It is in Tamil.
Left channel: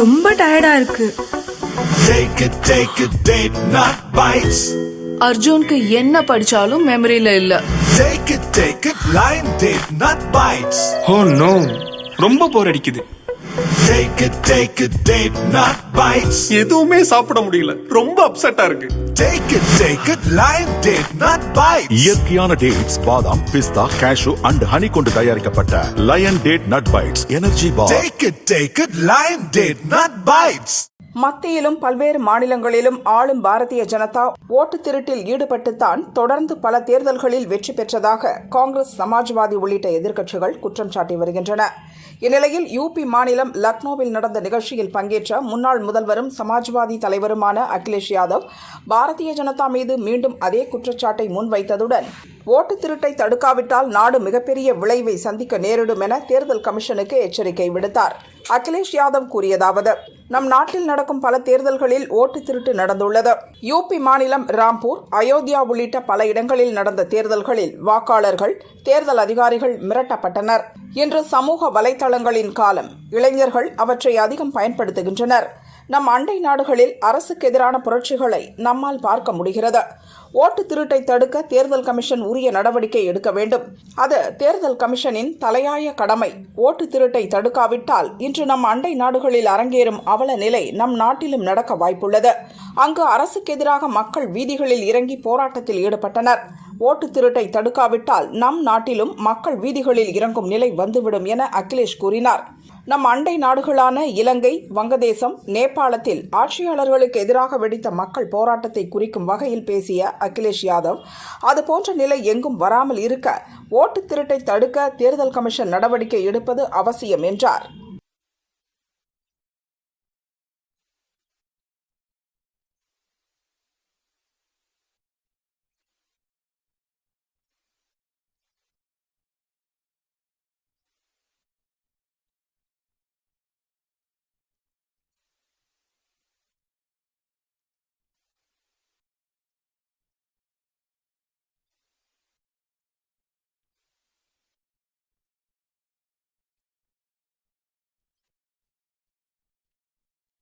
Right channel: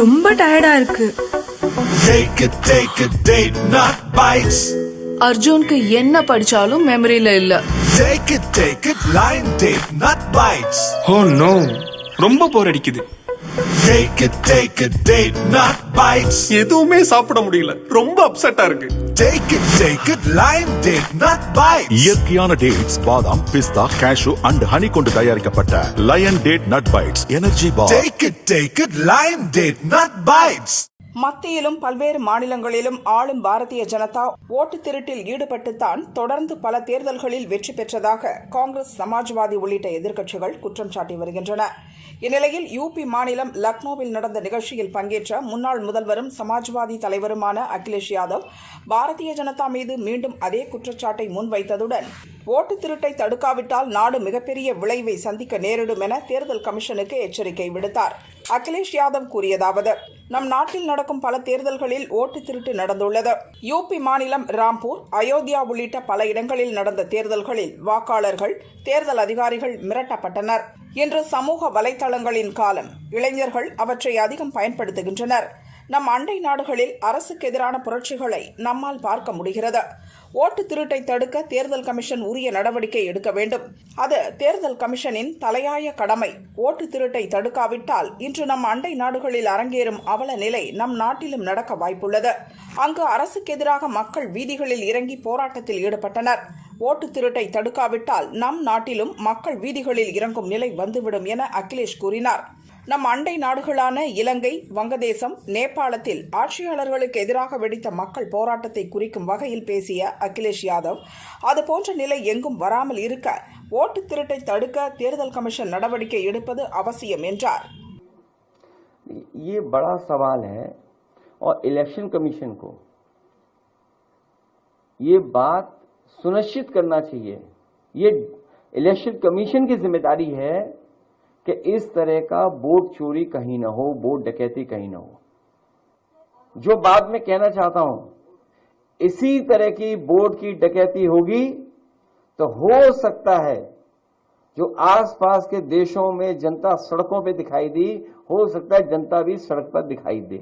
ரொம்ப டயர்டா இருக்கு. Take it, date not bites. அர்ஜுனுக்கு என்ன படிச்சாலும் மெமரியில இல்ல. Take it, line date not bites. Oh no, ரொம்ப போர் அடிக்குது. Take it, date not bites. எதுவுமே சாப்பிட முடியல, ரொம்ப அப்செட்டா இருக்கு. Take it, line date not bites. இயற்கையான டேட்ஸ், பாதாம், பிஸ்தா, கேஷு அண்ட் ஹனி கொண்டு தயாரிக்கப்பட்ட Lion date nut bites energy bar. Take it, line date not bites. மத்தியிலும் பல்வேறு மாநிலங்களிலும் ஆளும் பாரதிய ஜனதா ஓட்டு திருட்டில் ஈடுபட்டுத்தான் தொடர்ந்து பல தேர்தல்களில் வெற்றி பெற்றதாக காங்கிரஸ், சமாஜ்வாதி உள்ளிட்ட எதிர்க்கட்சிகள் குற்றம் சாட்டி வருகின்றன. இந்நிலையில் யூபி மாநிலம் லக்னோவில் நடந்த நிகழ்ச்சியில் பங்கேற்ற முன்னாள் முதல்வரும் சமாஜ்வாதி தலைவருமான அகிலேஷ் யாதவ் பாரதிய ஜனதா மீது மீண்டும் அதே குற்றச்சாட்டை முன்வைத்ததுடன் ஓட்டு திருட்டை தடுக்காவிட்டால் நாடு மிகப்பெரிய விளைவை சந்திக்க நேரிடும் என தேர்தல் கமிஷனுக்கு எச்சரிக்கை விடுத்தார். அகிலேஷ் யாதவ் கூறியதாவது: நம் நாட்டில் நடக்கும் பல தேர்தல்களில் ஓட்டு திருட்டு நடந்துள்ளது. யூபி மாநிலம் ராம்பூர், அயோத்தியா உள்ளிட்ட பல இடங்களில் நடந்த தேர்தல்களில் வாக்காளர்கள், தேர்தல் அதிகாரிகள் மிரட்டப்பட்டனர். இன்று சமூக வலைதளங்களின் காலம். இளைஞர்கள் அவற்றை அதிகம் பயன்படுத்துகின்றனர். நம் அண்டை நாடுகளில் அரசுக்கு எதிரான புரட்சிகளை நம்மால் பார்க்க முடிகிறது. ஓட்டு திருட்டை தடுக்க தேர்தல் கமிஷன் உரிய நடவடிக்கை எடுக்க வேண்டும். அது தேர்தல் கமிஷனின் தலையாய கடமை. ஓட்டு திருட்டை தடுக்காவிட்டால் இன்று நம் அண்டை நாடுகளில் அரங்கேறும் அவல நிலை நம் நாட்டிலும் நடக்க வாய்ப்புள்ளது. அங்கு அரசுக்கு எதிராக மக்கள் வீதிகளில் இறங்கி போராட்டத்தில் ஈடுபட்டனர். ஓட்டு திருட்டை தடுக்காவிட்டால் நம் நாட்டிலும் மக்கள் வீதிகளில் இறங்கும் நிலை வந்துவிடும் என அகிலேஷ் கூறினார். நம் அண்டை நாடுகளான இலங்கை, வங்கதேசம், நேபாளத்தில் ஆட்சியாளர்களுக்கு எதிராக வெடித்த மக்கள் போராட்டத்தை குறிக்கும் வகையில் பேசிய அகிலேஷ் யாதவ், அதுபோன்ற நிலை எங்கும் வராமல் இருக்க ஓட்டு திருட்டை தடுக்க தேர்தல் கமிஷன் நடவடிக்கை எடுப்பது அவசியம் என்றார். ये बड़ा सवाल है और इलेक्शन कमीशन को ये बात सुनिश्चित करना चाहिए. ये इलेक्शन कमीशन की जिम्मेदारी है कि इस तरह का वोट चोरी कहीं न हो, वोट डकैती कहीं न हो. जो बात मैं कहना चाहता हूं, इसी तरह की वोट की डकैती होगी तो हो सकता है जो आसपास के देशों में जनता सड़कों पे दिखाई दी, हो सकता है जनता भी सड़क पर दिखाई दे.